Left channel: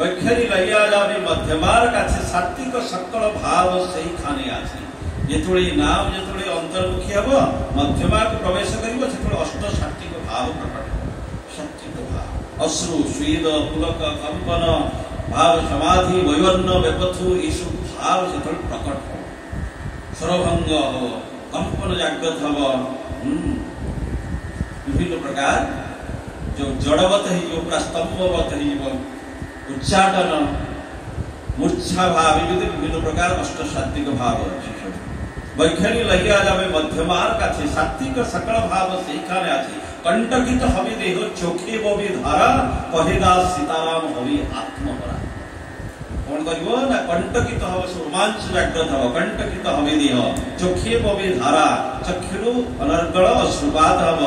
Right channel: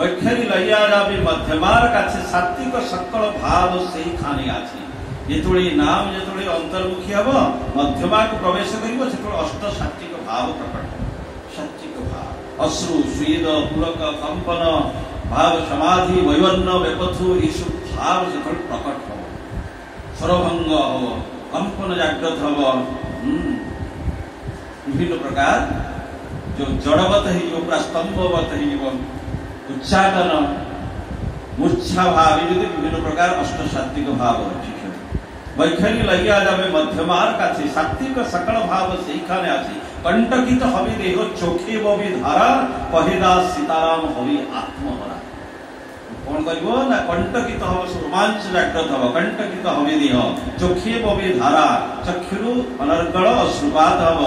বৈখারি লইয়া যাবে মধ্যমার কাছে সাত্বিক সকল ভাব সেইখানে আছে। যেতবে নাম যেতবে অন্তর্মুখী হব মধ্যমাকে প্রবেশ করিব সেতবে অষ্ট সাত্বিক ভাব প্রকট হব। সাত্বিক ভাব অশ্রু স্বেদ পুলক কম্পন ভাব সমাধি বৈবর্ণ বেপথু এইসব ভাব সেতবে প্রকট হব। স্বরভঙ্গ হব, কম্পন জাগ্রত হব, বিভিন্ন প্রকার जो जड़वत हो पूरा स्तंभवत हो उच्चाटन मूर्छा भाव विभिन्न प्रकार अष्ट सात्विक भाव अच्छी सब वैखारी लगिया जाए मध्यमार काछे सात्विक सकल भाव सेखाने आछे। कंटकित हबि देह चोखे बबि धारा कहेदा सीताराम हबि आत्महरा। कौन करिवो ना कंटकित हब रोमांच जाग्रत हब। कंटकित हबि देह चोखे बबि धारा चक्षुरु अनर्गल अश्रुपात हब।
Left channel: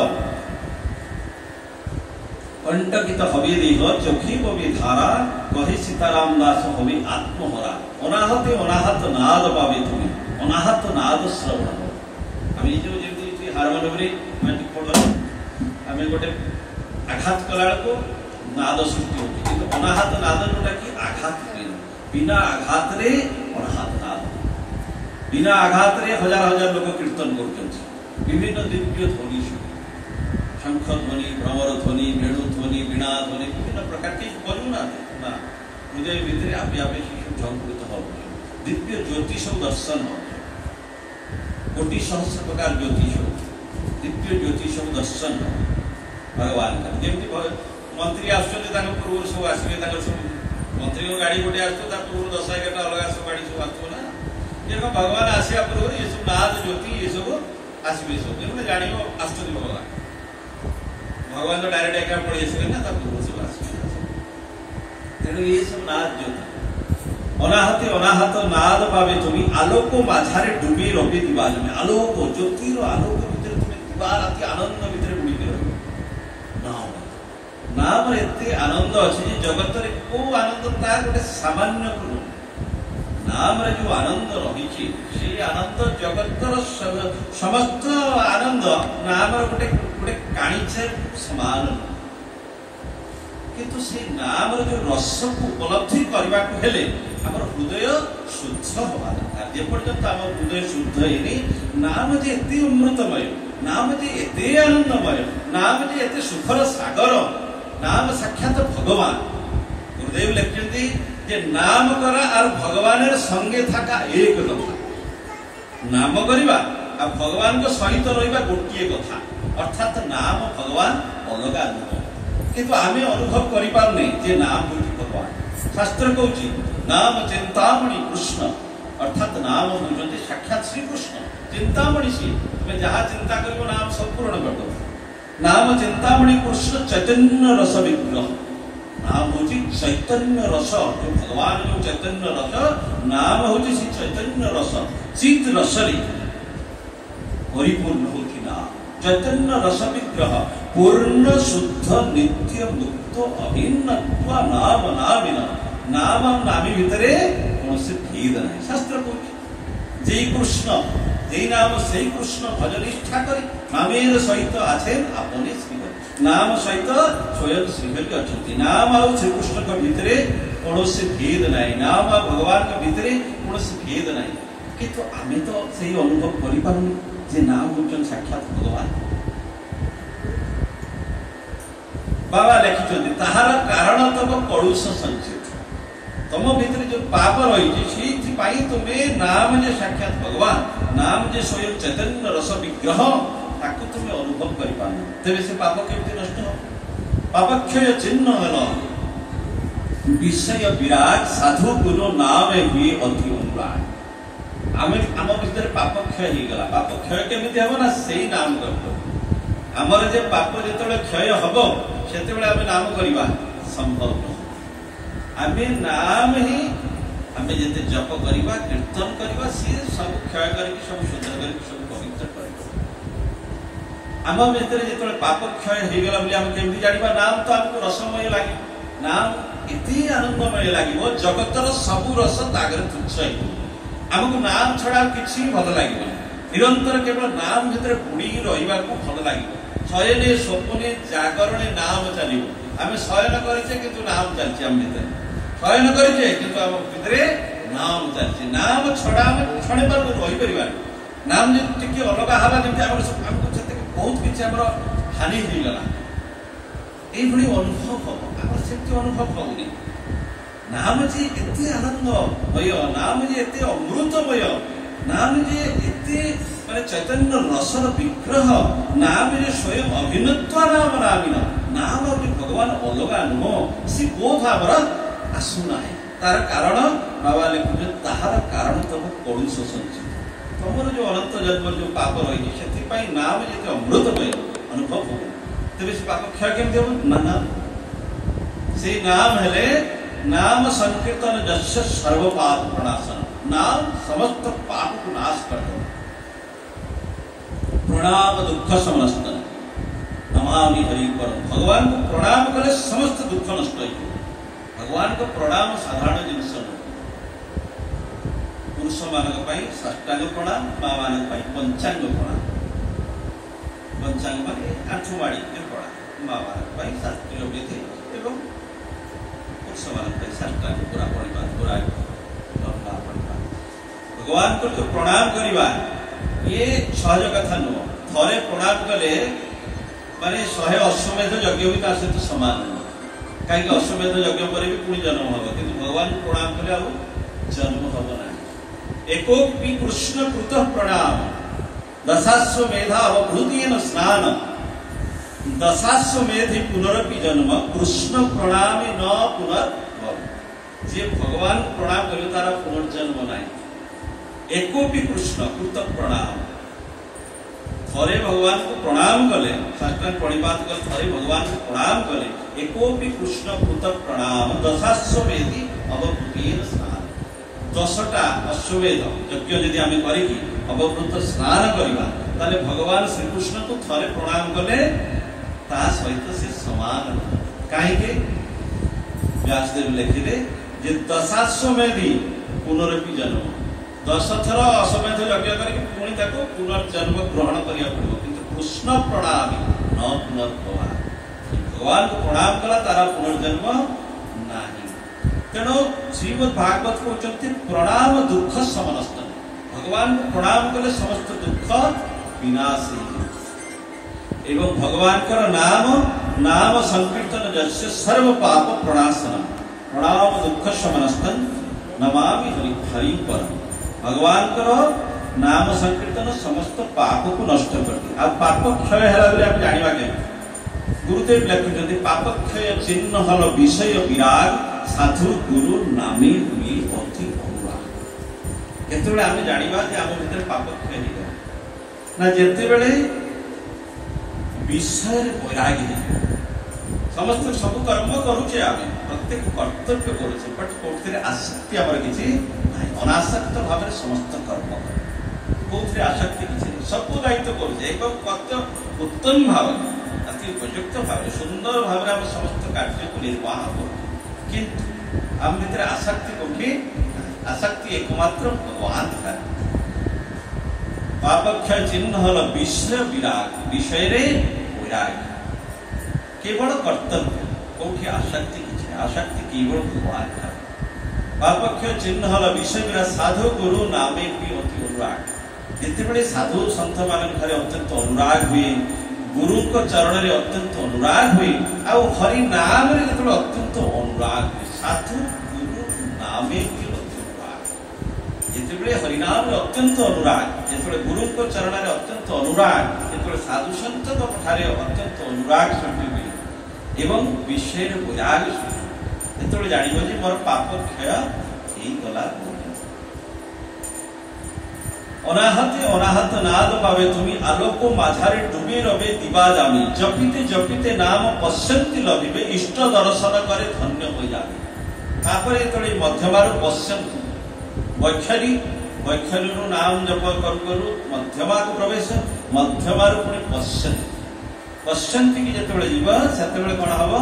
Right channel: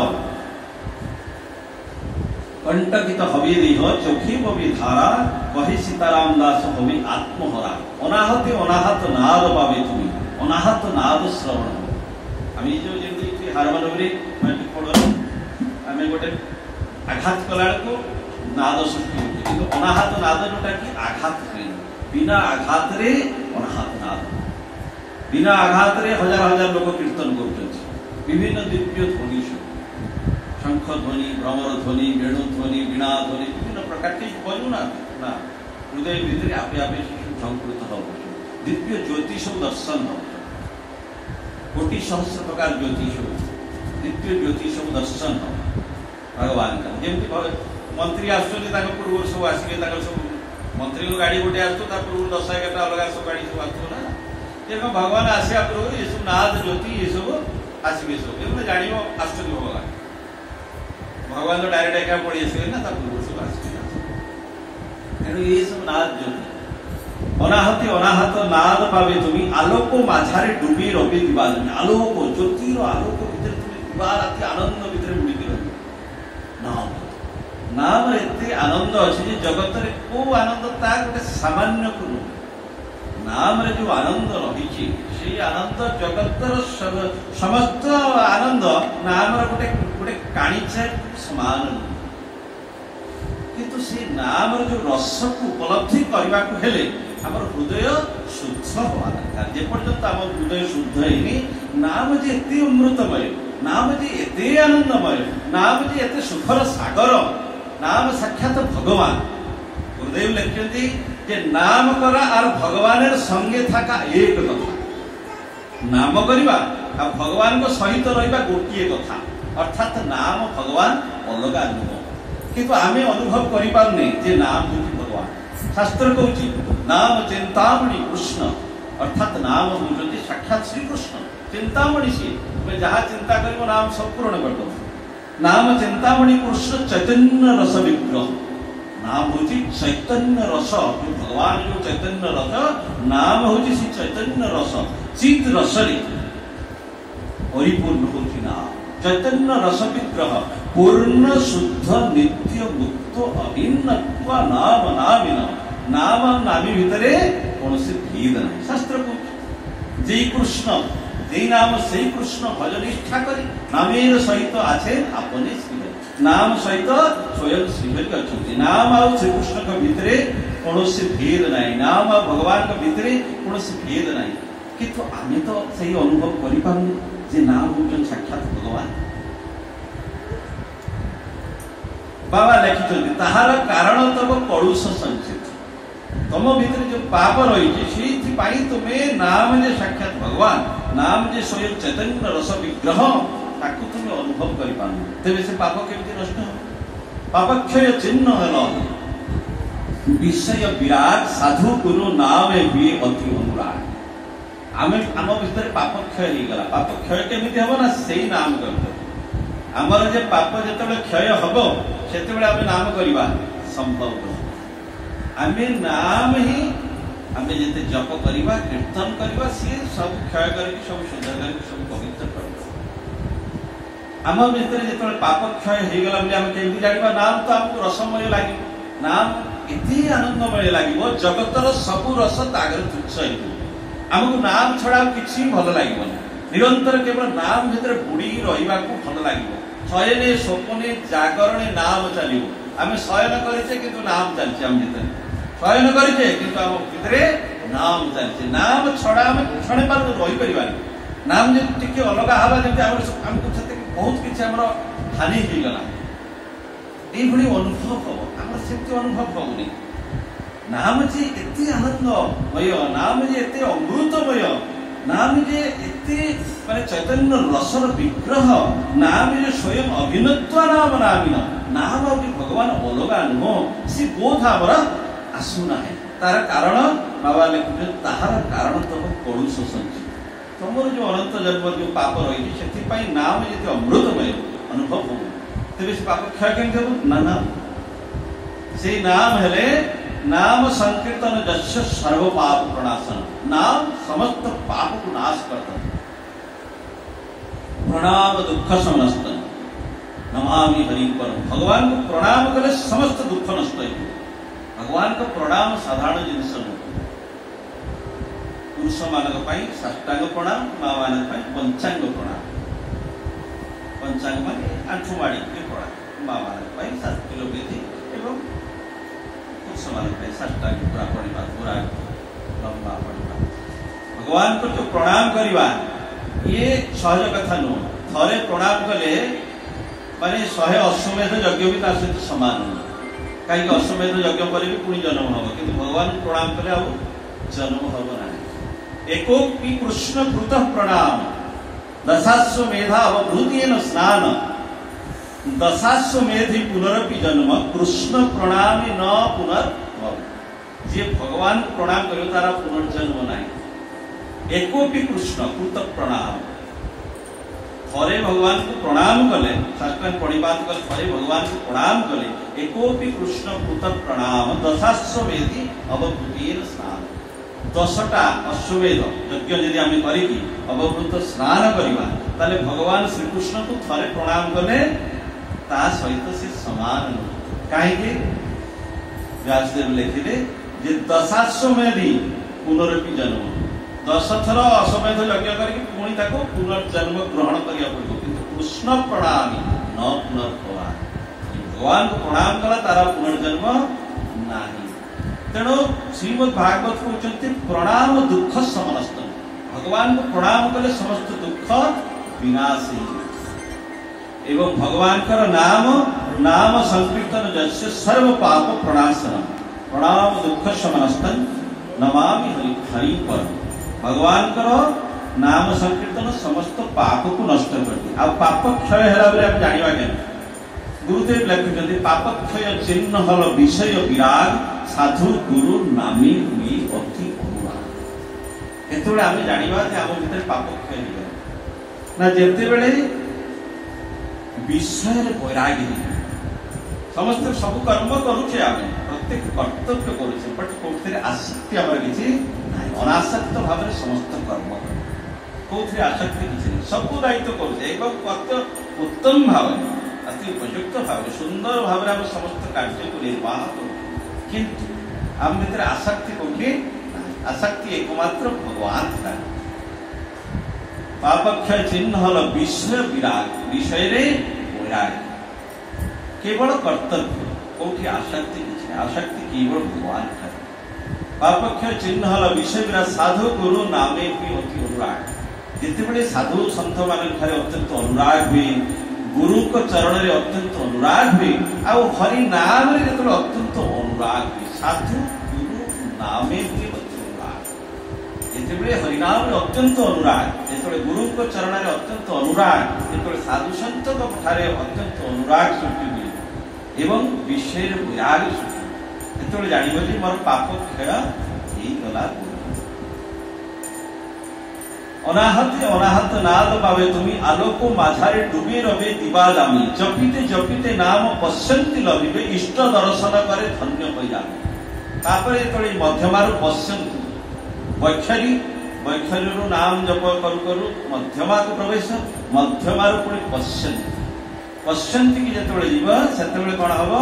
कंटकित हबि देह चोखी बबि धारा कही सीताराम दास हबि आत्महरा। अनाहते अनाहत नाद पाबे तुम अनाहत नाद श्रवण। आम जो जमी हारमोनियम मैट्रिक पढ़ आम गोटे आघात कला नाद सृष्टि होती कि अनाहत नाद जोटा कि आघात हुए बिना आघात रे अनाहत नाद। बिना आघात रे हजार हजार लोग कीर्तन कर विभिन्न दिव्य ध्वनि शंख ध्वनि भ्रमर ध्वनि वेणु ध्वनि वीणा ध्वनि विभिन्न प्रकार के बजना ना हृदय भितर आपे आपे शिशु झंकृत हो दिव्य ज्योतिष दर्शन हो कोटि सहस्र प्रकार ज्योतिष दिव्य ज्योतिष दर्शन हो भगवान का जमी मंत्री आसुच्च पूर्व सब आसवे सब मंत्री गाड़ी गोटे आसो पूर्व 10-11 अलग सब गाड़ी सब आसो ना ये भगवान आसा पूर्व ये सब नाद ज्योति ये सब आसवे सब जान आश्चर्य भगवान भगवान तो डायरेक्ट एका पड़ी आसवे ना पूर्व सब आसवे तेणु ये सब नाद ज्योति अनाहते अनाहत नाद पावे तुम आलोक माझारे डूबी रवि दिवाल में आलोक ज्योतिर आलोक भितर तुम दिवा राति आनंद भितर बुड़ी रही नाम नाम एते आनंद अच्छे जगत रे को आनंद तार गोटे सामान्य को नाम रे जो आनंद रही से आनंद जगतर समस्त आनंद नाम गोटे गोटे काणीचे समान किंतु से नाम जो रस को उपलब्धि करने को हेले हमर हृदय शुद्ध हवा दरकार। जे पर्यंत आम हृदय शुद्ध है नाम जे एते अमृतमय नाम जे एते आनंदमय नाम जे एते सुखर सागर नाम साक्षात भगवान। गुरुदेव लिखते जे नाम करा और भगवान संगे थाका एक कथा नाम करवा और भगवान को सहित रहा गोटे कथा अर्थात नाम भगवान अलग अनुभव किंतु आम अनुभव करें जे नाम हूँ भगवान। शास्त्र कहूँ नाम चिंतामणि कृष्ण अर्थात नाम हूँ साक्षात श्री कृष्ण चिंतामणि सी तुम्हें जहाँ चिंता कर नाम सब पूर्ण कर दो। नाम चिंतामणि कृष्ण चैतन्य रस विग्रह नाम हूँ चैतन्य रस जो भगवान जो चैतन्य रस नाम हूँ श्री चैतन्य रस चित रसरी परिपूर्ण होती नाम चैतन्य रस विग्रह पूर्ण शुद्ध नित्य मुक्त अभिन्न नाम नामिन नाम नामी भितर कौन से भेद नहीं। शास्त्र कहूँ जे कृष्ण जे नाम से कृष्ण भज निष्ठा करी नामेर सहित आछे आपने श्रीहरि नाम सहित स्वयं श्रीहरि अच्छा नाम आ श्रीकृष्ण के भितर कौन से भेद नहीं नाम भगवान के भितर कौन से भेद नहीं किंतु आम तो सही अनुभव करें जे नाम हूँ साक्षात भगवान। बाबा लिखिं ताहार कारण तब कलुष संचित तुम भीतर जो पाप रही तुम्हें नाम जे साक्षात भगवान नाम जे स्वयं चैतन्य रस विग्रह ताकू तुम अनुभव कर तेरे से पाप केमती नष्ट हो पापक्षय चिन्ह हेल विषय विराट साधु गुरु नाम हुए अति अनुराग आम भीतर पाप क्षय हो गला पाप क्षय केमती हम ना से नाम कर आमर जे पाप जो क्षय हम से नाम करवा संभव आम नाम ही आम जिते जप करवा कीर्तन करवा सी सब क्षय करके सब शुद्ध करके सब पवित्र कर आम भीतर जो पाप क्षय हो गला आम केमती जाना नाम तो आमको रसमय लगे नाम एते आनंदमय लगे जगतर सबू रस तागर तुच्छ आमको नाम छड़ा किसी भल लगे निरंतर केवल नाम भीतर बुड़ी रहा भल लगे शयने स्वप्ने जागरणे नाम चलो आम शयन करे किंतु नाम चलती आम भीतर चयन करे किंतु आम भितर नाम चलती नाम छड़ा आम क्षण पर रही पार नाम जी अलग हवा जमी आमको बहुत किसी आम हानि होगला ये अनुभव हम आम से अनुभव होनी नाम जे एते आनंदमय नाम जे एते अमृतमय नाम जे एते माने चैतन्य रसर विग्रह नाम जे स्वयं अभिनत्व नाम नामिन नाम जो भगवान अलगा नुह सी बोध आमर आसुना है तार कारण बाबा लिखुचे ताहार कारण तुम कलुष संचित तुमर जो अनंत जन्म जो पाप रही से नाम जे अमृतमय अनुभव हो तेज से पाप क्षय केमती हम ना से नाम हेले नाम संकीर्तन जस्य सर्व पाप प्रणाशन नाम समस्त पाप को नाश कर दो प्रणाम दुख समस्त नमामि हरि पर भगवान को प्रणाम कले समस्त दुख नष्ट हो भगवान को प्रणाम साधारण जिनस पुरुष मानक साष्टांग प्रणाम माँ मानक पंचांग प्रणाम पंचांग माने आंठुमाड़ी प्रणाम माँ मानक शास्त्रीय विधि एवं पूरा पूरा भगवान को जो प्रणाम करवा ये सहज कथा नुह थे प्रणाम कले माने 100 अश्वमेध यज्ञ भी सहित सामान कहीं अश्वमेध यज्ञ पर भी पुणी जन्म हम कि भगवान प्रणाम कले आ जन्म हम ना एकोपी कृष्ण कृत प्रणाम दशाश्वमेधा अवभूतेन स्नान दशाश्वमेधि पुनरपि जन्म कृष्ण प्रणाम न पुनर्भव जे भगवान प्रणाम करे तारा पुनर्जन्म नहीं एकोपि कृष्ण कृत प्रणाम थरे भगवान को प्रणाम कले साष्टांग प्रणिपात कर थरे भगवान को प्रणाम कले एकोपि कृष्ण कृत प्रणाम दशाश्वमेधि अवभूतेन स्नान 10टा अश्वमेध यज्ञ यदि आम करी अवभूत स्नान करवा ताले भगवान श्रीकृष्ण को थरे प्रणाम कले ता सहित से समान कहीं व्यासदेव लिखिले जे दशाश्वमेधि पुनरपि जन्म 10 थर अश्वमेध यज्ञ करके पुणी ताको पुनर्जन्म ग्रहण करिया पड़ो किंतु कृष्ण प्रणामी न पुनर्भव भगवान को प्रणाम कला तारा पुनर्जन्म नहीं तेणु श्रीमद् भागवत कहते प्रणाम दुख समनस्त भगवान को प्रणाम कले समस्त दुख विनाश एवं भगवान का नाम नाम संकीर्तन जस्य सर्व पाप प्रणाशन प्रणाम दुख समनस्तन नमामि हरि पर भगवान का नाम संकीर्तन समस्त पाप को नष्ट कर दिए अब पाप क्षय है आप जानवा के गुरुदेव लिखिं पाप क्षय चिन्ह हल विषय विराग साधु गुरु नामी हुई अति अनुराग केतबेले आम जानवा आम भीतर पाप क्षय हो ना जिते बेले विषय वैरागी समस्त सब कर्म करुचे आम प्रत्येक कर्तव्य करुचे बट कौन आसक्ति आम किसी अनासक्त भाव समस्त कर्म कौन आसक्ति किसी नहीं सब दायित्व करुचे एक उत्तम भाव अति उपयुक्त भाव सुंदर भाव समस्त कार्य को निर्वाह किंतु आम भीतर आसक्ति कौटी आसक्ति एकमात्र भगवान का पापक्षय चिन्ह हल विषय विराग विषय वैराग केवल कर्तव्य कौटी आसक्ति किसी आसक्ति केवल भगवान का पापक्षय चिन्ह हल विषय विराग साधु गुरु नामे भी अति अनुराग जिते साधु सन्थ मान अत्यंत अनुराग हुए गुरु को चरण में अत्यंत अनुराग हुए आ हरि नाम जो अत्यंत अनुराग हुए साधु गुरु नामे भी जिते हरिनाम अत्यंत अनुराग जो गुरु को चरण में अत्यंत अनुराग जो साधु सन्त ठारे अत्यंत अनुराग सृष्टि हुए एवं विषय वैराग सृष्टि जो जान मोर पाप क्षय गला अनाहते अनाहत नाद पावे तुम्हें आलोक माझारे डूबे रवे दिवा जामी जपिते जपिते नाम पश्यंती लभिबे इष्ट दर्शन करे धन्य हो जाए तापर जो मध्यमार पश्यंती वैखरी वैखरी नाम जप करू करू मध्यमा को प्रवेश मध्यमार पुणी पश्यंती पश्यंती की जो जीव से कौन हम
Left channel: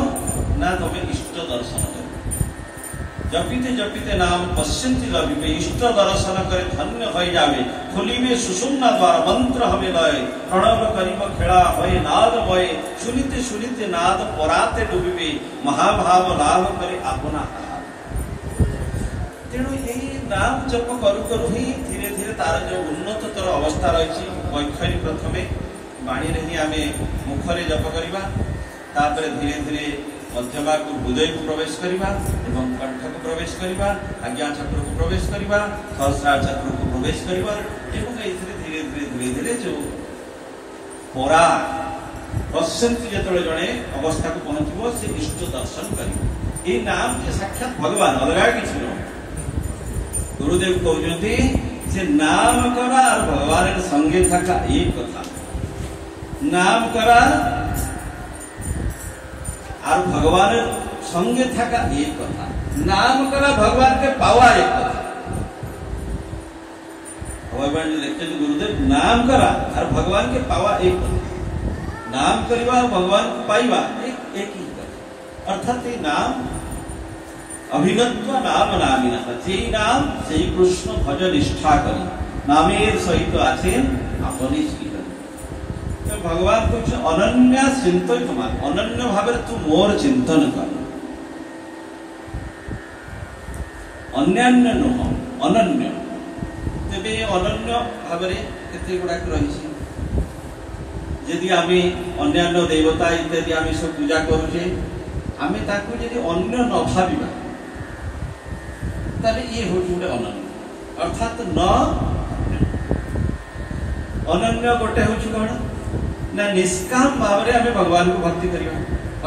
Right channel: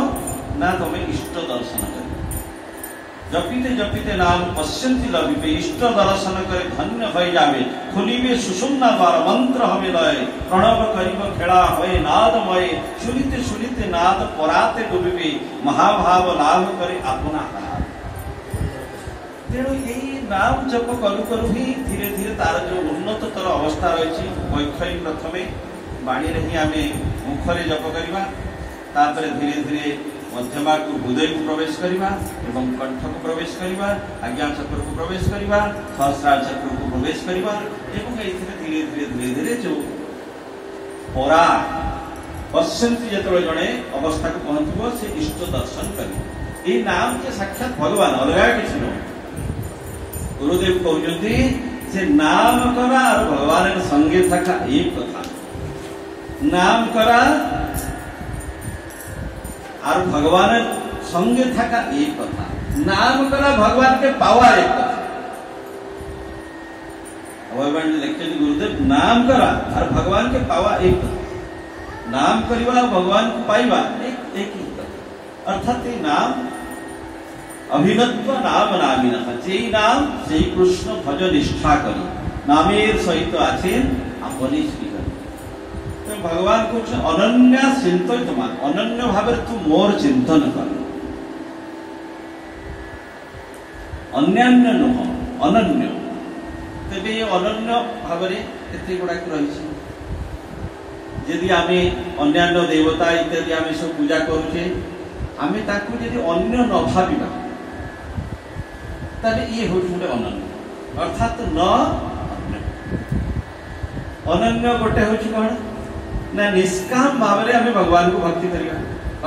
ना तुम इष्ट दर्शन कर जपिते जपिते नाम पश्यंती लभिबे इष्ट दर्शन करे धन्य हो जाए खुलिबे सुषुम्ना द्वार मंत्र हमें लय प्रणव करिब खेला होए नादमय सुनिते सुनिते नाद पराते डूबिबे महाभाव लाभ करे अपना तेणु यही नाम जप करू करू ही धीरे धीरे तार जो उन्नततर अवस्था रही वैखरी प्रथम बाणी ही आम मुखरे जप करवा तापर धीरे धीरे मध्यमा को हृदय को प्रवेश करवा एवं कंठ को प्रवेश करवा आज्ञा चक्र को प्रवेश करवा सहस्रार चक्र को प्रवेश करवा एवं धीरे धीरे धीरे धीरे जो परा पश्यंती जो जड़े अवस्था को पहुंचब से इष्ट दर्शन कर ये नाम के साक्षात भगवान अलग किसी न गुरुदेव कहते से नाम करा और भगवान संगे था एक कथा नाम करा और भगवान संगे था एक कथा नाम करा भगवान के पावा एक कथा भगवान लिखते गुरुदेव नाम करा और भगवान के पावा एक कथा नाम करवा भगवान को पाइबा एक ही कथा अर्थात ये नाम अभिनत्व नाम नामी जे नाम से कृष्ण भज निष्ठा करी नामेर सहित आছেন আপনি श्रीहरि भगवान को अनन्या चिंतित मान अनन्य भाव तू मोर चिंतन कर अन्यान्य नुह अनन्य तेबे अनन्य भाव केते गुड़ाक रही यदि आम अन्यान्य देवता इत्यादि आम सब पूजा करुचे आम ताकू यदि अन्य न भाविबा ताले ये हो जुड़े अनन्य अर्थात न अनन्य गोटे हो कौन ना निष्काम भाव में आम भगवान को भक्ति करवा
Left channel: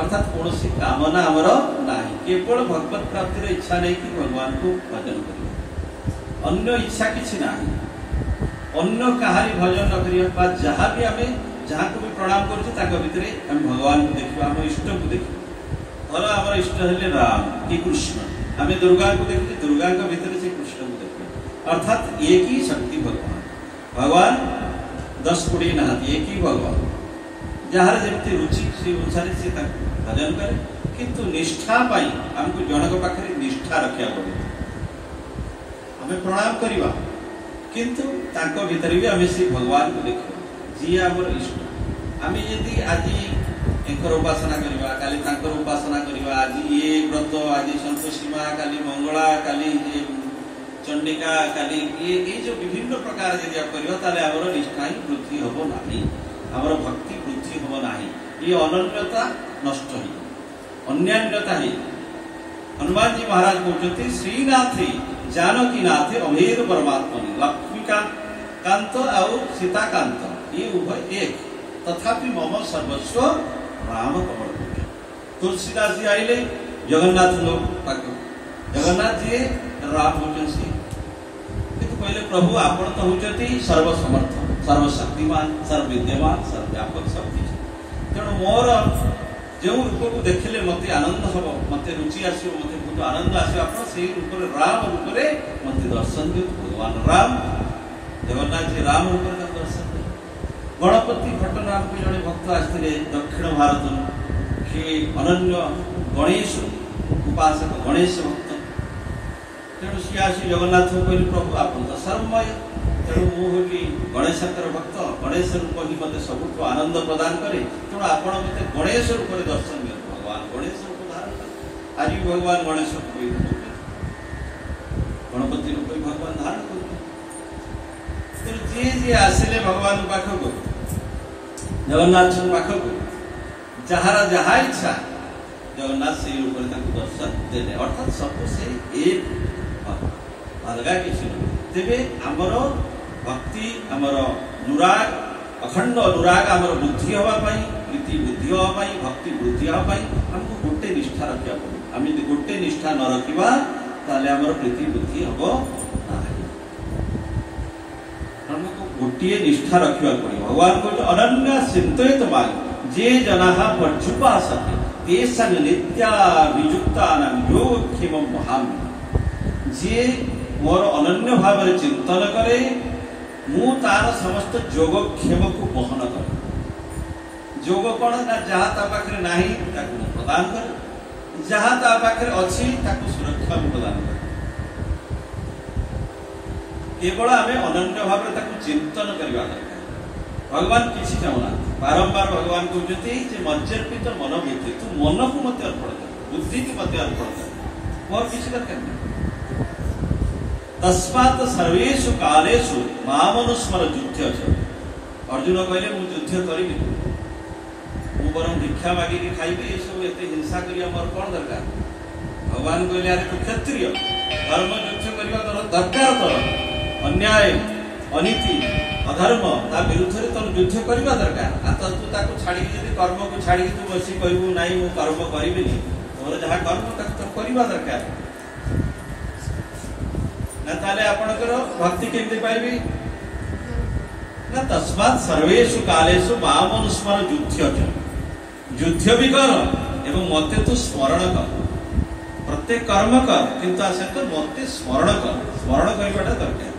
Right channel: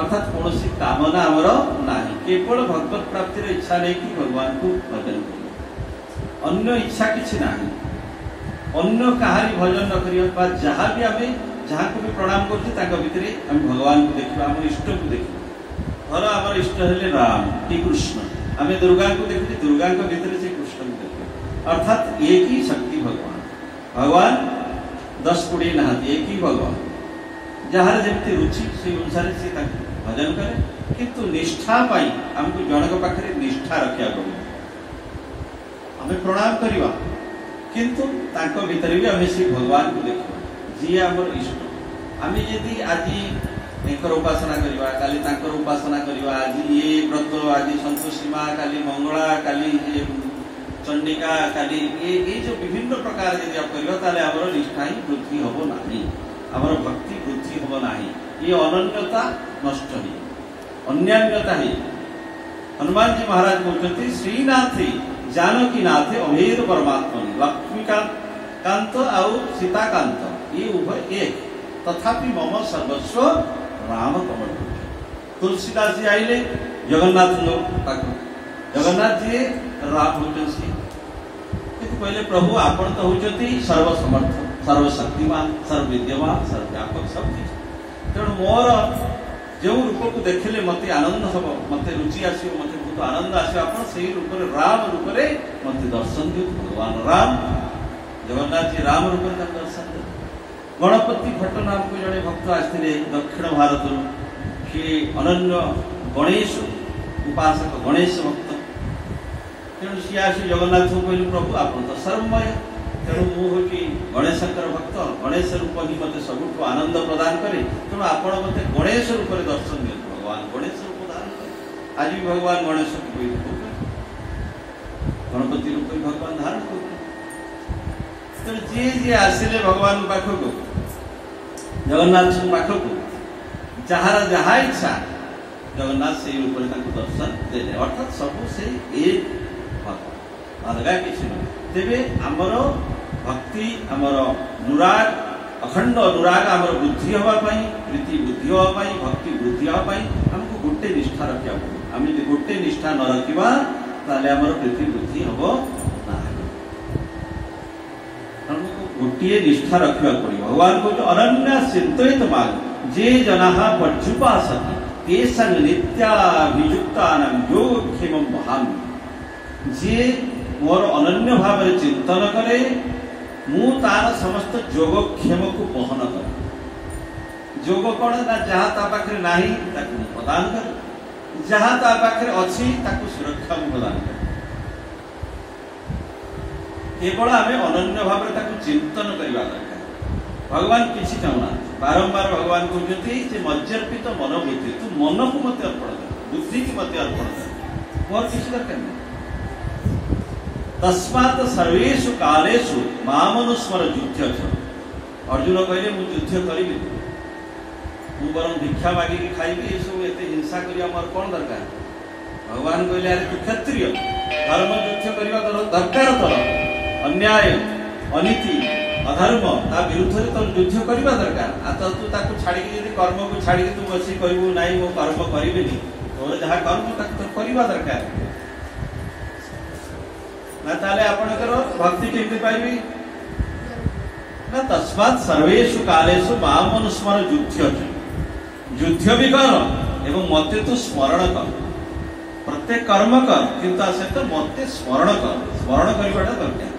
अर्थात कौन कामना आमर ना केवल भगवत प्राप्तिर इच्छा नहीं कि भगवान को भजन करवा अन्य इच्छा किसी ना अन्य कहारी भजन न करवा जहाँ भी आम जहाँ को भी प्रणाम कर भगवान को देखा आम इष्ट को देखा धर आम इष्ट हेले राम कि कृष्ण आम दुर्गा को देखुचे दुर्गा भीतर से कृष्ण को देखा अर्थात एक ही शक्ति भगवान भगवान 10-20 ना एक ही भगवान जार जमी रुचि से अनुसार से भजन करे किंतु निष्ठा पाई आमको जनक पाखे निष्ठा रखा पड़े आम प्रणाम करवा किंतु तांको भीतर भी आम से भगवान को देखा जी आमर इष्ट आम यदि आज एकर उपासना करवा काली तांकर उपासना करवा आज ये व्रत आज संतोषी माँ काली मंगला काली चंडिका काली ये जो विभिन्न प्रकार यदि आप करवा ताले आमर निष्ठा ही वृद्धि हम ना आमर भक्ति वृद्धि हम ना ये अनन्यता नष्ट ही अन्यान्यता ही हनुमान जी महाराज कहते श्रीनाथे जानकी नाथे अभेद परमात्मा लक्ष्मीकांत और सीताकांत ये उभय एक तथापि मम सर्वस्व राम कमल तुलसीदास जी आइले जगन्नाथ जगन्नाथ जी राम होते किंतु पहले प्रभु आपण तो होती सर्वसमर्थ सर्वशक्तिमान सर्वविद्यमान सर्वव्यापक सब किसी तेणु मोर जो रूप को देखले मत आनंद हम मत रुचि आसो मत बहुत आनंद आसो आप रूप राम रूप मत दर्शन दियो भगवान राम जगन्नाथ जी राम रूप दर्शन दियो गणपति भट्ट नाम के जड़े भक्त आसते दक्षिण भारत से अनन्य गणेश उपासक गणेश भक्त तेणु सी आसी जगन्नाथ को कहले प्रभु आप तो सर्वमय तेणु मुझे गणेशंकर भक्त गणेश रूप ही मत सब आनंद प्रदान करे तेणु आप मत गणेश रूप में दर्शन दिए भगवान गणेश रूप धारण करे आज भी भगवान गणेश गणपति रूप भगवान धारण कर जी जी आसिले भगवान पाखक जगन्नाथ पाखक जार जहा इच्छा जगन्नाथ से रूप दर्शन देले अर्थात सब से एक अलग किसी तेरे आमर भक्ति आमर अनुराग अखंड अनुराग आमर बुद्धि हाँपाई प्रीति बुद्धि हाँपाई भक्ति बुद्धि हाँपाई आमको गोटे निष्ठा रखा पड़े आम गोटे निष्ठा न रखा ताले आमर प्रीति बुद्धि हम गोटे निष्ठा रखा पड़े भगवान को अनन्या चिंतित मार्ग जे जना पर्युपासते तेषां नित्याभियुक्ता योगक्षेम महामि जे मोर अनन्य भाव चिंतन करे मु तार समस्त योगक्षेम को बहन करे जोग कौन ना जहाँ ता पाखे नाही ताकू प्रदान करे जहाँ ता पाखे अच्छी ताकू सुरक्षा प्रदान करे केवल आम अनन्य भाव चिंतन करवा दरकार भगवान किसी चाहूना बारंबार भगवान कहते मज्जर्पित मन बुद्धि तू मन को मत अर्पण कर बुद्धि की मत अर्पण कर मोर किसी दरकार नहीं तस्मात् सर्वेषु कालेषु मामनुस्मर युद्ध। अर्जुन कहले मु युद्ध करिबि, मु बरम भिक्षा मागिकी खाइबि, ये सब एते हिंसा करिया मोर कोन दरकार। भगवान कहले अरे तू क्षत्रिय, धर्म युद्ध करबा दरकार, तो अन्याय अनीति अधर्म ता विरुद्ध रे तो युद्ध करबा दरकार। आ तो तू ताकू छाडी यदि कर्म को छाडी तू बसी कहबो नाही मो कर्म करिबेनी, तो जहा कर्म ताकू करबा दरकार ना। ताले आपनकर भक्ति केमते पाइबी ना। तस्मात् सर्वेषु कालेषु मामनुस्मर युद्ध। युद्ध भी कर एवं मते तू स्मरण कर, प्रत्येक कर्म कर किंतु सहित मते स्मरण कर, स्मरण करवाटा दरकार।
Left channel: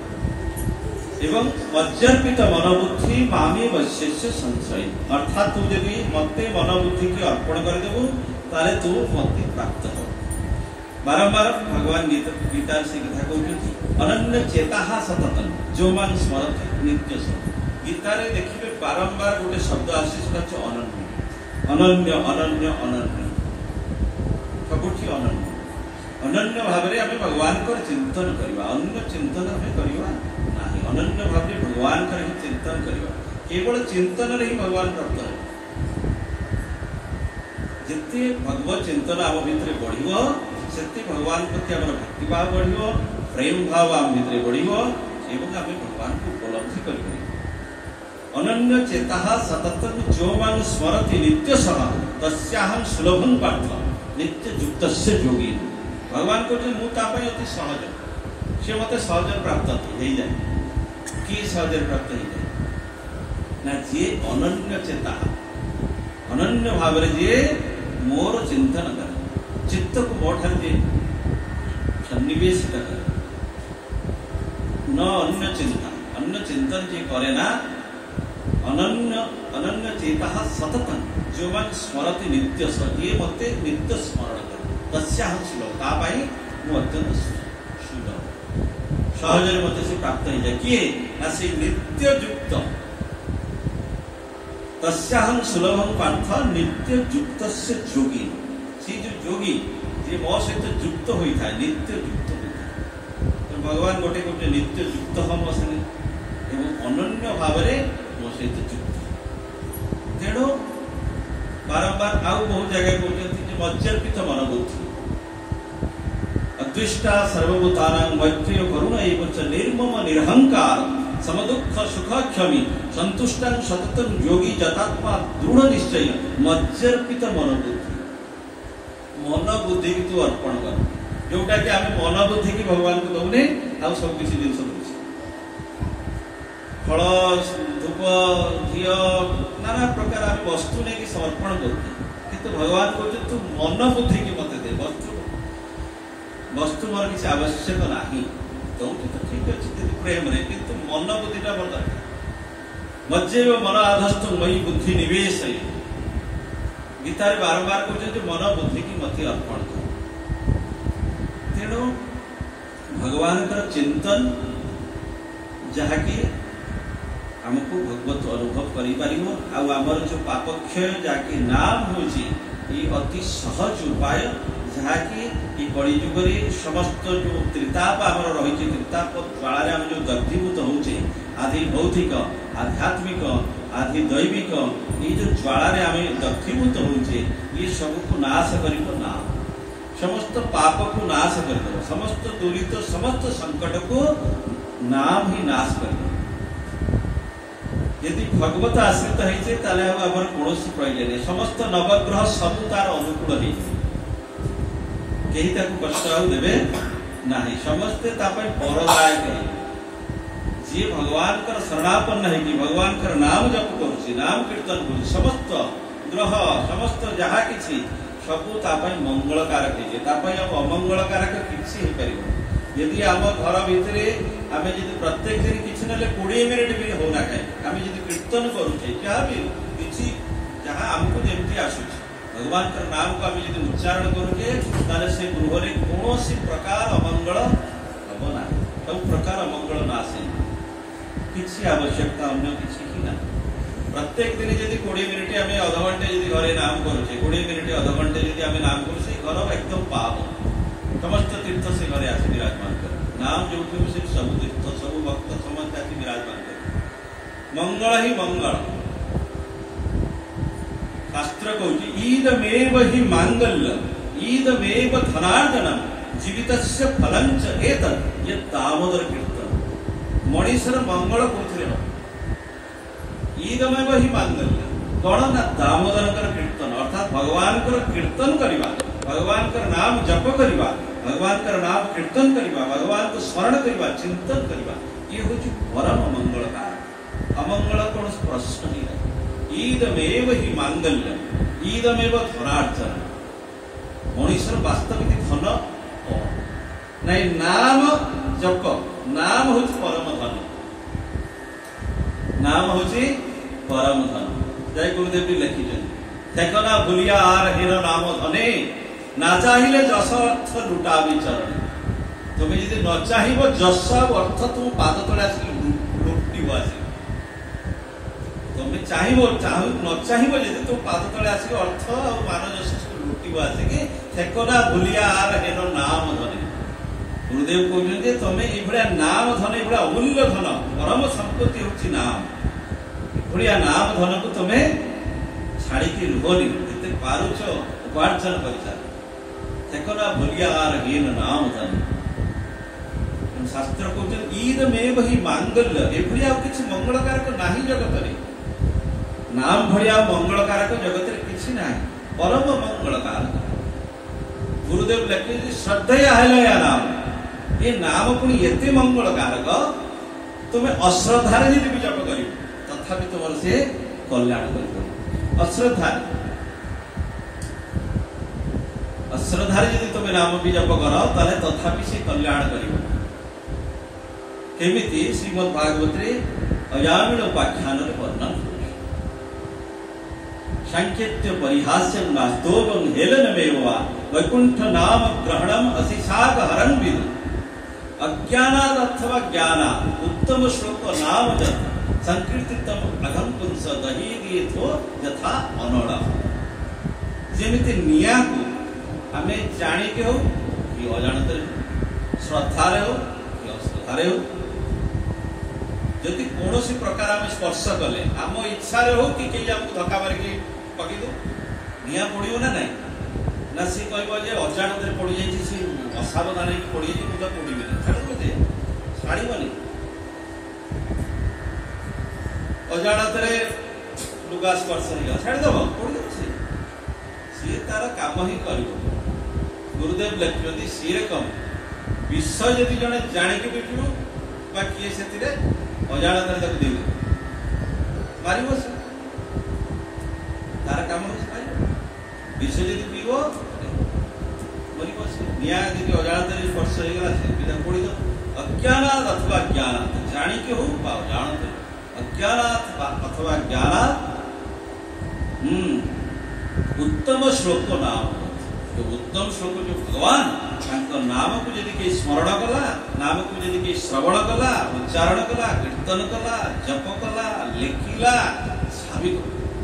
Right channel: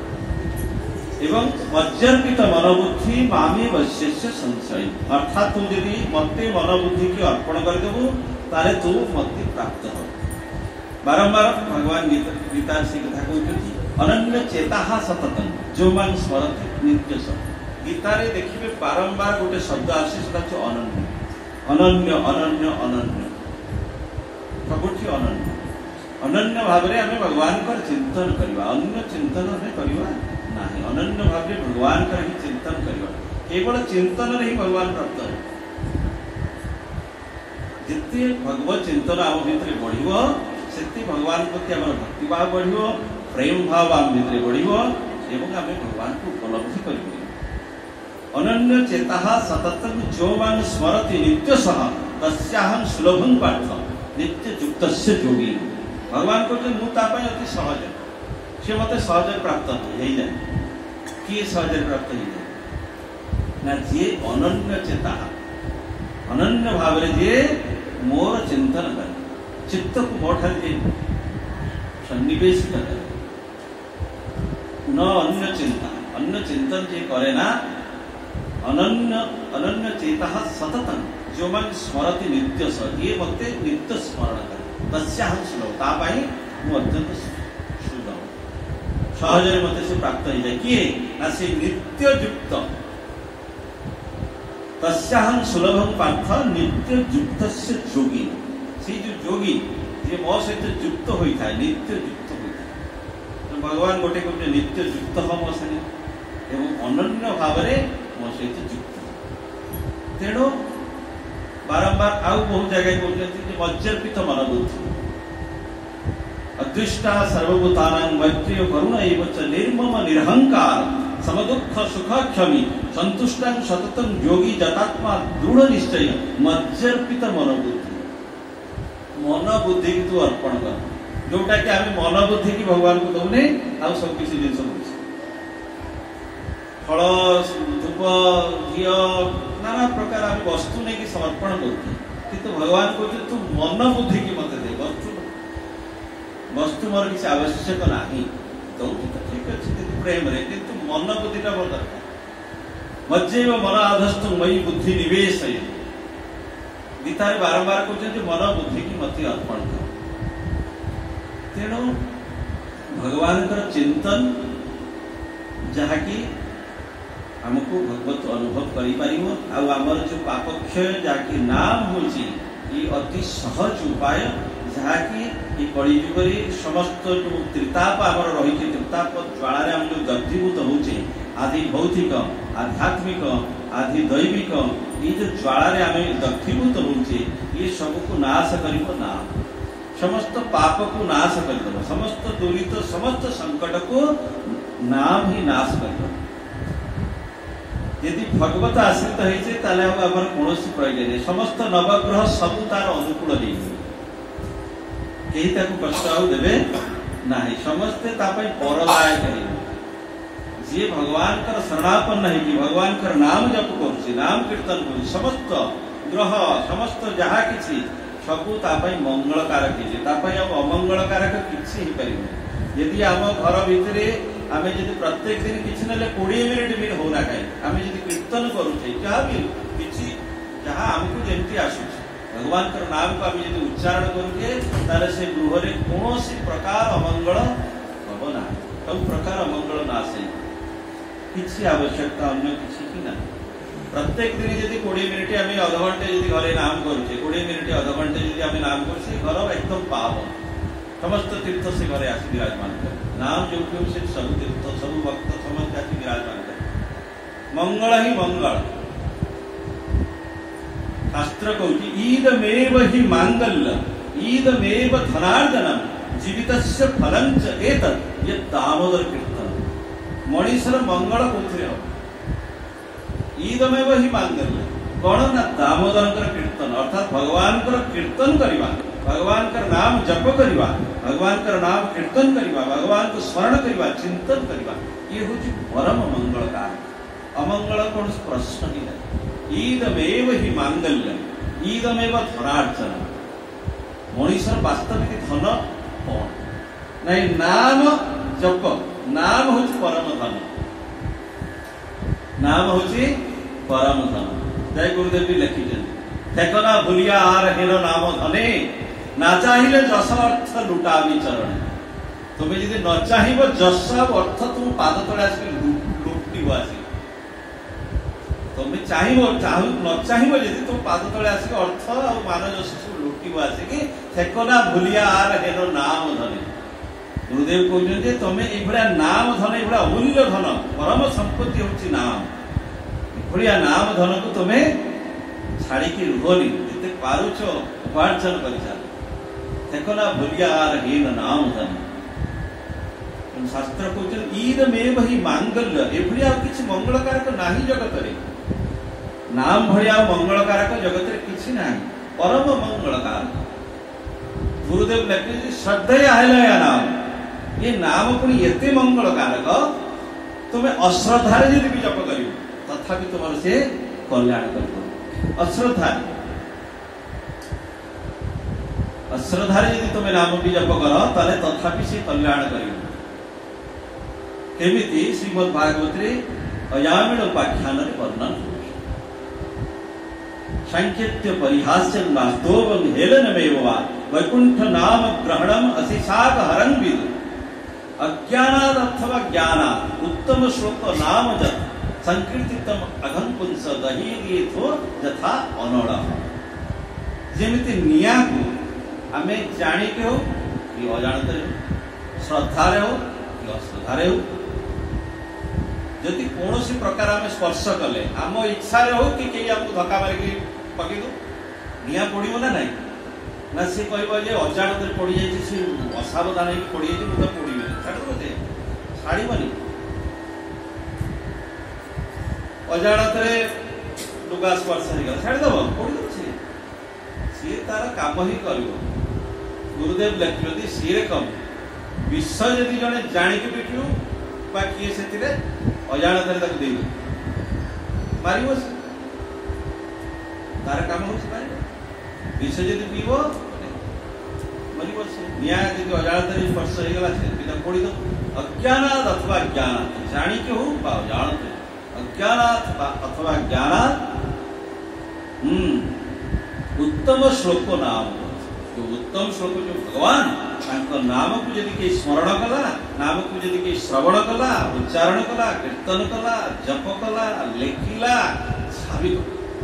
एवं मज्जर्पित मनोबुद्धि मामी वश्यस्य संशय, अर्थात तू यदि मते मनोबुद्धि की अर्पण करदेबू ताले तू मते प्राप्त हो। बारंबार भगवान गीता से कथा कहते अनन्य चेता सततम जो मान स्मरति नित्य सब। गीता रे देखिए बारंबार गोटे शब्द आसी अनन्य अनन्य अनन्य अनन्य, सबुठी अनन्य। अनन्य भाव में आम भगवान को चिंतन करवा, अन्य चिंतन हमें करवा नहीं। अनन्य भाव में भगवान का ही चिंतन करवा, केवल चिंतन ही भगवान प्राप्त हो। जिते भगवत चिंतन आम भितर बढ़िबो सेते भगवान प्रति आम भक्ति भाव बढ़िबो, प्रेम भाव आम भितर बढ़िबो एवं आम भगवान को उपलब्धि करिबो। अनन्य चेता सततम जो मान स्मरति नित्य सह तस्याहं सुलभं पार्थ नित्य युक्तस्य योगी। भगवान को जो मु तापय अति सहज, से मते सहज प्राप्त हो जाए। कि सहज प्राप्त हो जाए ना जे अनन्य चेता, अनन्य भाव रे जे मोर चिंतन करे, चित्त को मोठर जे सन्निवेश करे, न अन्य चिंता, अन्य चिंतन जे करे ना। अनन्य अनन्य चेता सततम जो मान स्मरति नित्य स, ये मते नित्य स्मरण करे तस्याहं सुलभ, तापाई मु अत्यंत सुलभ सहज मते से प्राप्त हो जाए। किए ना से नित्य युक्त, तस्याहं सुलभं पार्थ नित्य युक्तस्य योगी। से जो योगी जे मो सहित युक्त होता है, नित्य युक्त होता है, तो भगवान गोटे कहते नित्य युक्त हम मो संगे एवं अनन्य भाव में मो सहित युक्त। तेणु बारंबार आउ बहुत जगह कहते मज्जर्पित मनोबुद्धि अदृष्टा सर्वभूतानां मैत्रेय करुण एवं च निर्मम निरहंकार समदुख सुख क्षमी संतुष्टं सततं योगी जतात्मा दृढ़ निश्चय मज्जर्पित मनोबुद्धि। मनोबुद्धि की तू अर्पण कर, जोटा कि आम मनोबुद्धि की भगवान को दौने आ सब किसी जिन फल धूप घी नाना प्रकार आम वस्तु नहीं समर्पण कर भगवान कहते तू मन बुद्धि की मत दे, वस्तु मोर किसी आवश्यक नहीं, तो ठीक अच्छे प्रेम रे किंतु मन बुद्धिटा मोर दरकार। मज्जैव मन आधस्तु मयि बुद्धि निवेश। गीता रे बारंबार कहते मन बुद्धि की मत अर्पण कर। तेणु भगवान चिंतन जहाँकि हमको भगवत अनुभव कर जो पापक्षय जहाँकि नाम होची ये अति सहज उपाय, जहाँकि कलिजुग समस्त जो त्रिताप आम रही त्रिताप ज्वाला आम जो दग्धीभूत होचे आदि भौतिक आध्यात्मिक आदि दैविक ये जो ज्वाला आम दग्धीभूत होचे ये सबको नाश कर नाम, समस्त पाप को नाश कर, समस्त दुरित समस्त संकट को नाम ही नाश कर। यदि भगवत आश्रित होइछे ताले हमर कोनोसी प्रयोजन नहीं, समस्त नवग्रह सब तार अनुकूल नहीं, कहीं ताको कष्ट आउ देबे नाही, समस्ते तापय परदायक है। जे भगवान कर शरणापन्न है कि भगवान कर नाम जप करूछि, नाम कीर्तन करूछि, समस्त ग्रह समस्त जहा किछि सबु तापय मंगलकारक है, तापय अमंगलकारक किछि हे परिबो। यदि आम घर भितर आम यदि प्रत्येक दिन किसी ना 20 मिनिट भी होना कहीं आम यदि कीर्तन करुचे क्या भी किसी जहाँ आमको जमी आसूँ भगवान का नाम को आम यदि उच्चारण करुचे ताले से गृह में कौन प्रकार अमंगल हम ना, सब प्रकार अमंगल नाशे, किसी आवश्यकता अन्य किसी ही ना। प्रत्येक दिन यदि 20 मिनिट आम अध घंटे यदि घरे नाम करुचे 20 मिनिट अध घंटे यदि आम नाम करुचे घर एकदम पावन समस्त तीर्थ से घरे आसी विराजमान करे नाम जो से सब तीर्थ सब भक्त समस्त आसी विराजमान करे मंगल ही मंगल शास्त्र कहूँ ईदमेव ही मांगल्य ईदमेव धनार्जनम जीवितस्य फलंच एतत् ये दामोदर कीर्तन मनीषर मंगल कौन हम ईदमेव ही मांगल्य कौन ना दामोदर कीर्तन अर्थात भगवान कीर्तन करवा भगवान का नाम जप करवा भगवान का नाम कीर्तन करवा भगवान को स्मरण करवा चिंतन करवा ये हूँ परम मंगल कारण अमंगल कौन प्रश्न ही नहीं ईदमेव ही मांगल्य ईदमेव धनार्जन मनीषर वास्तविक धन कौन नहीं नाम जप नाम हूँ परम धन नाम हूँ परम धन जय गुरुदेव भी लिखिं देखना भूलिया आर हेर नाम धने ना चाहिए जस अर्थ लुटा चरण तुम्हें यदि न चाह जस अर्थ तुम पाद तले आस लुटव आस तुम्हें चाह न चाह तुम पाद तले आसिक अर्थ और मान जस सब लुटव आसिक देखना भूलिया आर हेर नाम धने गुरुदेव कहते तुम्हें ये नाम धन ये अमूल्य धन परम संपत्ति हूँ नाम ये नाम धन को तुम्हें छाड़ी रुहनी जिते पारुच उपार्जन कर देखना भूलिया आर हीन नाम धन शास्त्र कहते ईदमेव ही मांगल्य एभलिया किसी मंगलकारक नाही जगत रे नाम भलिया मंगलकारक जगत रे किसी नाही परम मंगलकारक गुरुदेव लिखे श्रद्धेय है नाम ये नाम पुणी एते मंगलकारक तुम्हें अश्रद्धारे यदि भी जप कर तथापि तुम से कल्याण कर अश्रद्धारे यदि तुम्हें नाम भी जप कर ताले तथापि से कल्याण कर केमिति श्रीमद् भागवत अयामिण उपाख्यान वर्णन सांकेत्य परिहास्य वास्तव हेलनमेव वा वैकुंठ नाम ग्रहणम अशिशाक हरन विदु अज्ञानाद अथवा ज्ञाना उत्तम श्लोक नाम जत संकीर्तितम अघम पुंस दहीरिथो यथा अनड़ जेमिति निया को आमे जानी के हो कि अजाणते श्रद्धा रे हो कि अश्रद्धा रे हो यदि कौन प्रकार आम स्पर्श कले आम इच्छा रे हो कि कई आपको धक्का मारिक पकई दो निया पड़ो ना ना ना सी कह अजाणत पड़ जाए सी असावधान हो पड़ जाए मुझे पड़े छाड़े छाड़बनी अजाणत लुगा स्पर्श हो छाड़देव पड़ी सी सी तार काम ही कर गुरुदेव लिखिं सी कम विष जदि जड़े जाणिक पिटू बा किए से अजाणत मार तार काम हो विष जदि पीब मर निया जी अजाणत स्पर्श हो गला पड़ी दो अज्ञानात अथवा ज्ञानात जाणिक हो अजाणत अज्ञानात अथवा ज्ञानात उत्तम श्लोक नाम जो उत्तम श्लोक जो भगवान नाम को यदि कई स्मरण कला नाम को यदि कई श्रवण कला उच्चारण कला कीर्तन कला जप कला लेखिला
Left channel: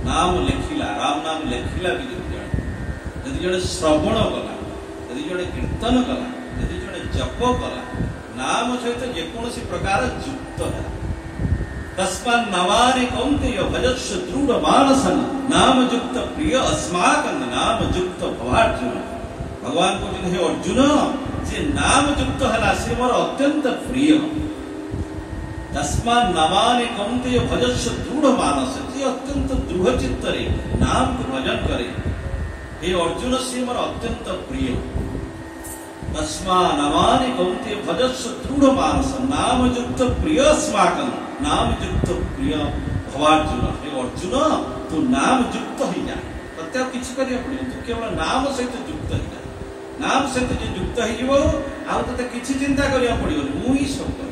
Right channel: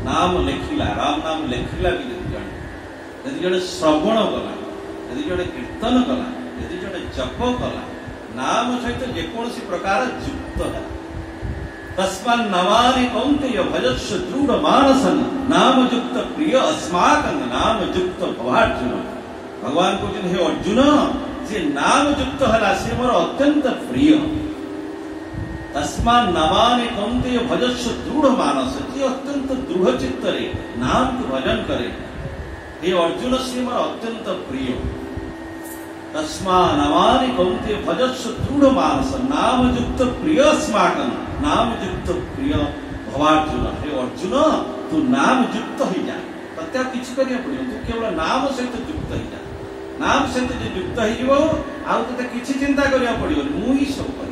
नाम लेखिला राम नाम लेखिला भी यदि जड़े श्रवण कला यदि जड़े कीर्तन कला यदि जड़े जप कला नाम सहित जेकोसी प्रकार युक्त है तस्मान् नमानि कौन्तेय भजस्व दृढ़ मानसन नाम युक्त प्रिय अस्माकं नाम युक्त भवार्जुन भगवान को हे अर्जुन जे नाम युक्त हला से मोर अत्यंत प्रिय तस्मान् नमानि कौन्तेय भजस्व दृढ़ मानस जे अत्यंत दृढ़ चित्त रे नाम को भजन करे हे अर्जुन से मोर अत्यंत प्रिय तस्मान् नमानि कौन्तेय भजस्व दृढ़ मानस नाम युक्त प्रिय अस्माकं नाम युक्त प्रिय भवार्जुन हे अर्जुन तू नाम युक्त हो जा तते किसी करिया पड़ो तू केवल नाम सहित युक्त हो जा नाम सहित जो युक्त हो आते किसी चिंता करिया पड़ो मु ही सब कर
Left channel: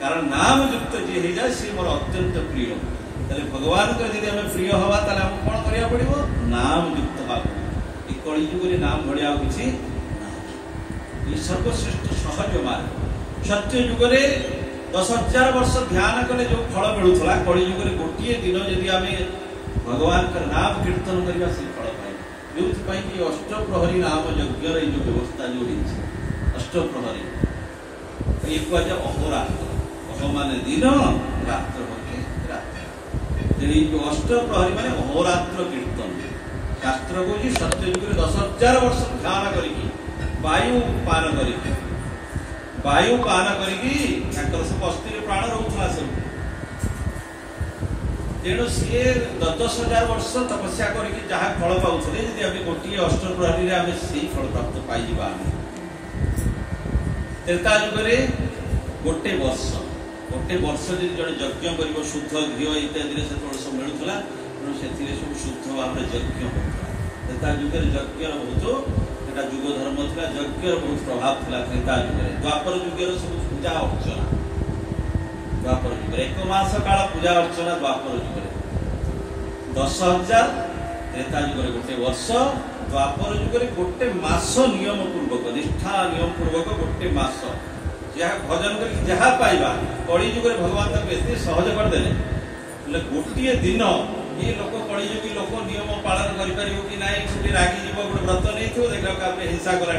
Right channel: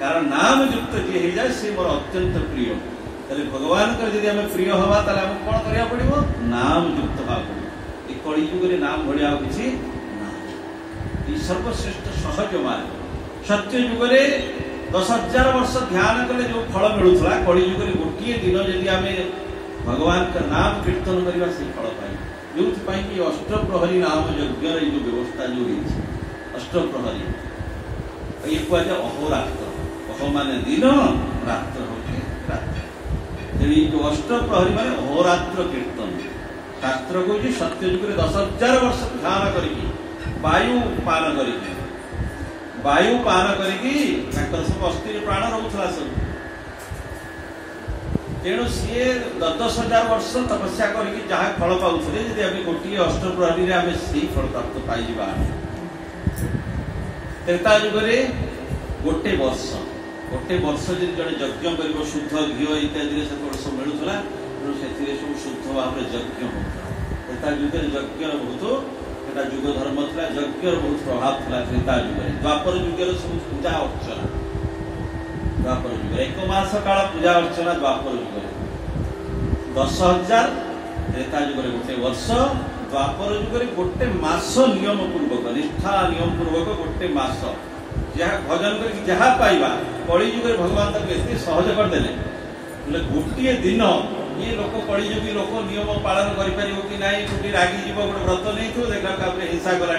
कारण नाम युक्त जी हो जाए सी मोर अत्यंत प्रिय ताले भगवान को यदि आम प्रिय हवा ताले आम कौन करिया पड़ो नाम युक्त हवा ये कली युग नाम भाया किसी सर्वश्रेष्ठ सहज मार्ग सत्य युग 10,000 वर्ष ध्यान कले जो फल मिलूला कली युग गोटे दिन जदि आम भगवान का नाम कीर्तन करवा से फल पाइबा जो अष्टप्रहरी नाम यज्ञ जो व्यवस्था जो अष्टप्रहरी ये कहुए अहोरात्र। अह मान दिन, रात्र हूँ रात्र। जो अष्टप्रहरी मान अहोरात्र कीर्तन। शास्त्र कह सत्य युग 10,000 वर्ष ध्यान करी वायु पान करी सब अस्थि प्राण रोला सब। तेणु सी 10,000 वर्ष तपस्या करके जहाँ फल पाते यदि आम गोटे अष्टप्रहरी आम से फल प्राप्त पाइबा। त्रेता युगरे गोटे वर्ष जब जड़े यज्ञ कर शुद्ध घी इत्यादि सब मिलूला तेणु से सब शुद्ध भाव यज्ञ होता। त्रेता युग यज्ञ बहुत एटा युग धर्म था। यज्ञ बहुत प्रभाव था त्रेता युग। द्वापर युगर सब पूजा अर्चना द्वापर युग 1 मास काल पूजा अर्चना द्वापर युग 10,000। त्रेता युग गोटे वर्ष, द्वापर युग गोटे मास नियम पूर्वक निष्ठा नियम पूर्वक गोटे मास जहाँ भजन करके जहाँ पाइबा। कली युग भगवान तक एत सहज करदे गोटे दिन ये लोक कलिजुगी लोक नियम पालन कर कि ना गोटे रागी जीव गोटे व्रत नहीं थो देखा हिंसा कला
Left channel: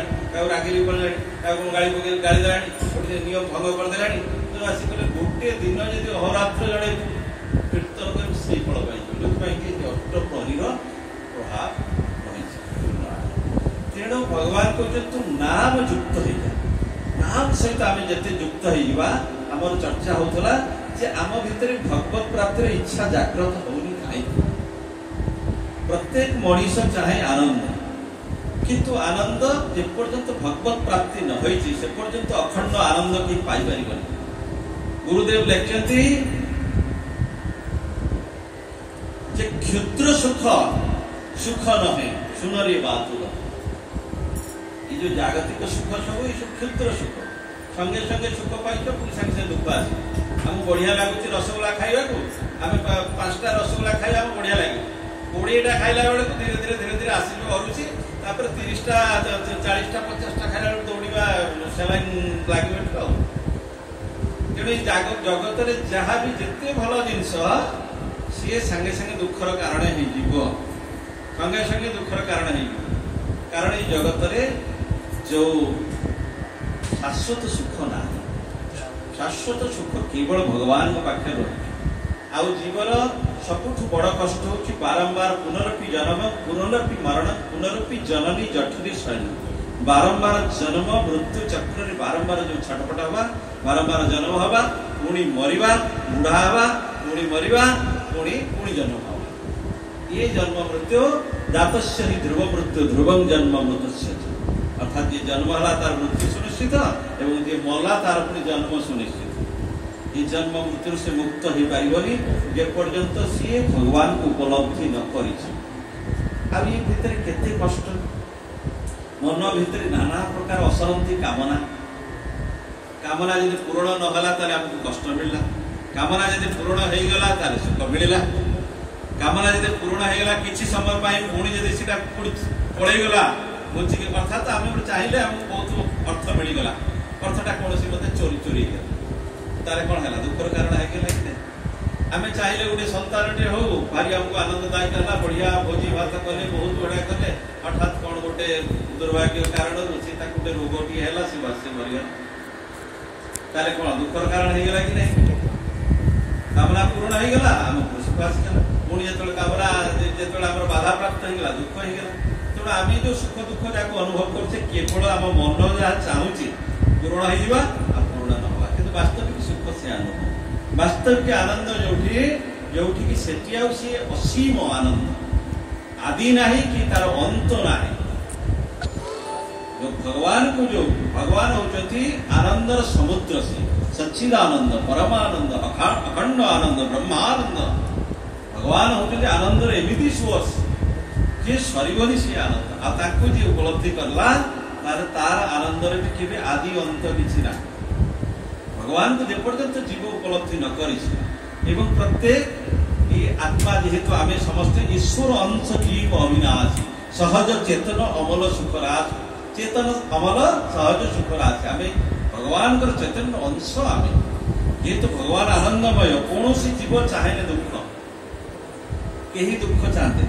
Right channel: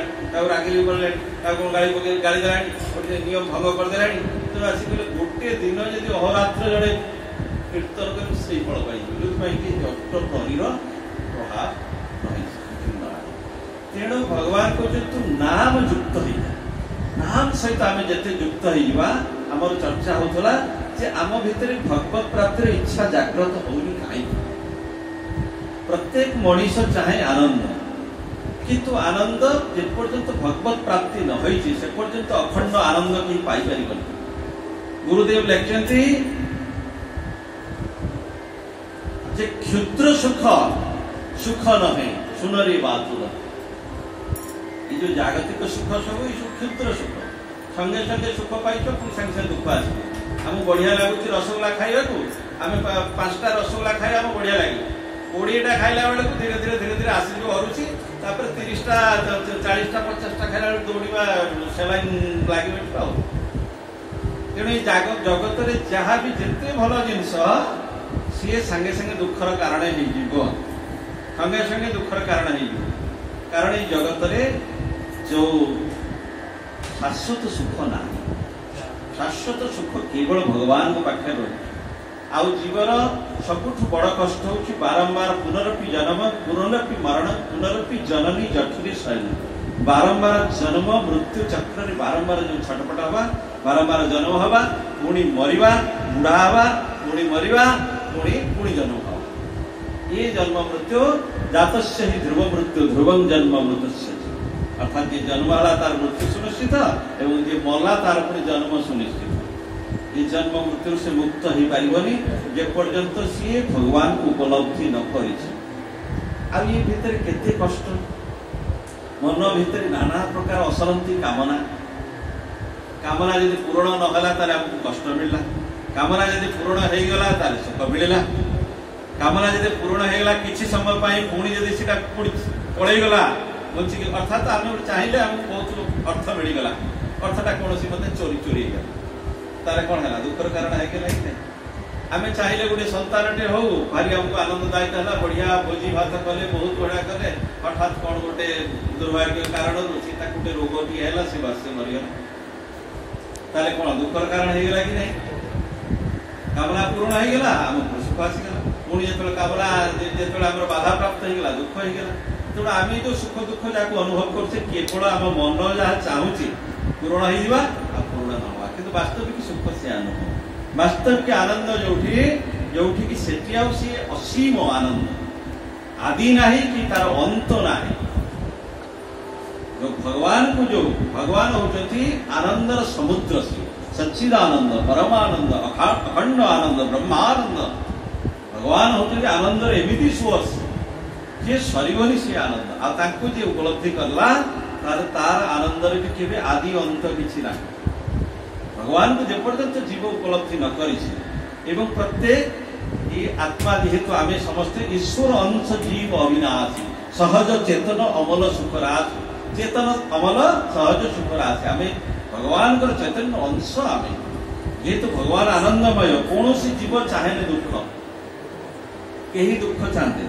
रागिली गाड़ी देला गोटे नियम भंग करदे तो आसिक गोटे दिन जब अहोरात्र जड़े कीर्तन कर से फल पाई जो अष्टप्रहरीर प्रभाव रही। तेणु भगवान कहते तू नाम युक्त हो जा। नाम सहित आम जिते युक्त होमर चर्चा होता जे आम भितर भगवत प्राप्तिर इच्छा जागृत होनी कहीं। प्रत्येक मनीष चाहे आनंद किंतु आनंद जेपर्यंत भगवत प्राप्ति न होई से पर्यंत अखंड आनंद कहीं पाई पारि। गुरुदेव लिखते जे क्षुद्र सुख सुख नहे सुनरी बात ये जो जागतिक सुख सब ये क्षुद्र सुख संगे संगे सुख पाइछ पुणी संगे संगे दुख आस आम बढ़िया लगुच रसगोला खाइबा आम 5टा रसगोला खाई आम बढ़िया लगे 20टा खाइला बेलू धीरे धीरे धीरे धीरे आसी हरुची 30टा 40टा 50टा खाइला दौड़ा सेलाइन लगे। तेणु जगत में जहाँ भी जिते भल जिनस सी संगे संगे दुखर कारण हो संगे संगे दुखर कारण हो। कारण ये जगत में जो शाश्वत सुख ना शाश्वत सुख केवल भगवान पाखे रही। आउ जीवन सबुठ बड़ कष्ट हूँ बारंबार पुनरपि जन्म पुनरपि मरण पुनरपि जननी जठरी शयन। बारंबार जन्म मृत्यु चक्र रे बारंबार जो छटपट हवा बारंबार जन्म हवा पुणी मरिबा बुढ़ा हवा पुणी मरिबा पुणी पुणी जन्म हवा। ये जन्म मृत्यु जातस्य ही ध्रुव मृत्यु ध्रुवं जन्म मृतस्य। अर्थात ये जन्म है तार मृत्यु सुनिश्चित एवं जे मला तार पुणी जन्म सुनिश्चित। ये जन्म मृत्यु से मुक्त हो पारिबनी जे पर्यंत सी भगवान को उपलब्धि न करी। ये भितर केते कष्ट मन भितर नाना प्रकार असरंती कामना कामना यदि पूरण नगला ताले हमको कष्ट मिलला। कामना यदि पूरण हो गला ताले सुख मिलला। कामना यदि पूरण हो गला किछि समय पाई पुणी यदि सेटा पळै गला मुझे अर्थात आम चाहिए आमको बहुत अर्थ मिलगला अर्थटा कौन मत चोरी चोरी गला तारे कौन है दुखर कारण है कि आम चाहिए गोटे संतान टे हो भारी आमको आनंददायक है बढ़िया भोजी भात कले बहुत बढ़िया कले हठात कौन गोटे दुर्भाग्य कारण गोटे रोग टी है सी बासे मरीगला ताले कौन दुखर कारण है कि नहीं। कामना पूर्ण हो गला आम सुख आसीगला पुणी जो कामना जो बाधा प्राप्त होगा दुख होगा। तेणु आम जो सुख दुख जहाँ अनुभव करते केवल आम मन जहाँ चाहूँ पूरण हो पूर्ण न हुआ कि वास्तविक सुख से अनुभव वास्तविक आनंद जो कि सेठी सी असीम आनंद आदि ना कि तार अंत ना। जो भगवान होती आनंदर समुद्र से सच्चिदानंद परमानंद अखंड आनंद ब्रह्मानंद भगवान होती आनंदर एमती सोर्स जे सरीबनी से आनंद आपको जे उपलब्धि करला तार आनंदर भी केबे आदि अंत किछि ना। भगवान को जेपर्यंत जीव उपलब्धि न करी एवं प्रत्येक ये आत्मा जेहेतु आमे समस्ते ईश्वर अंश जीव अविनाशी सहज चेतन अमल सुखराज चेतन अमल सहज सुखराज आमे भगवान को चैतन्य अंश आमे जेहेतु भगवान आनंदमय कौन जीव चाहे दुख कहीं दुख चाहते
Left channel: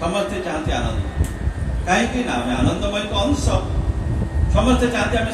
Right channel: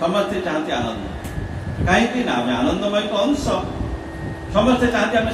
समस्ते चाहते आनंद କାହିଁକି ନା ଆମେ ଆନନ୍ଦମୟଙ୍କ ଅଂଶ। ସମସ୍ତେ ଚାହାନ୍ତି ଆମେ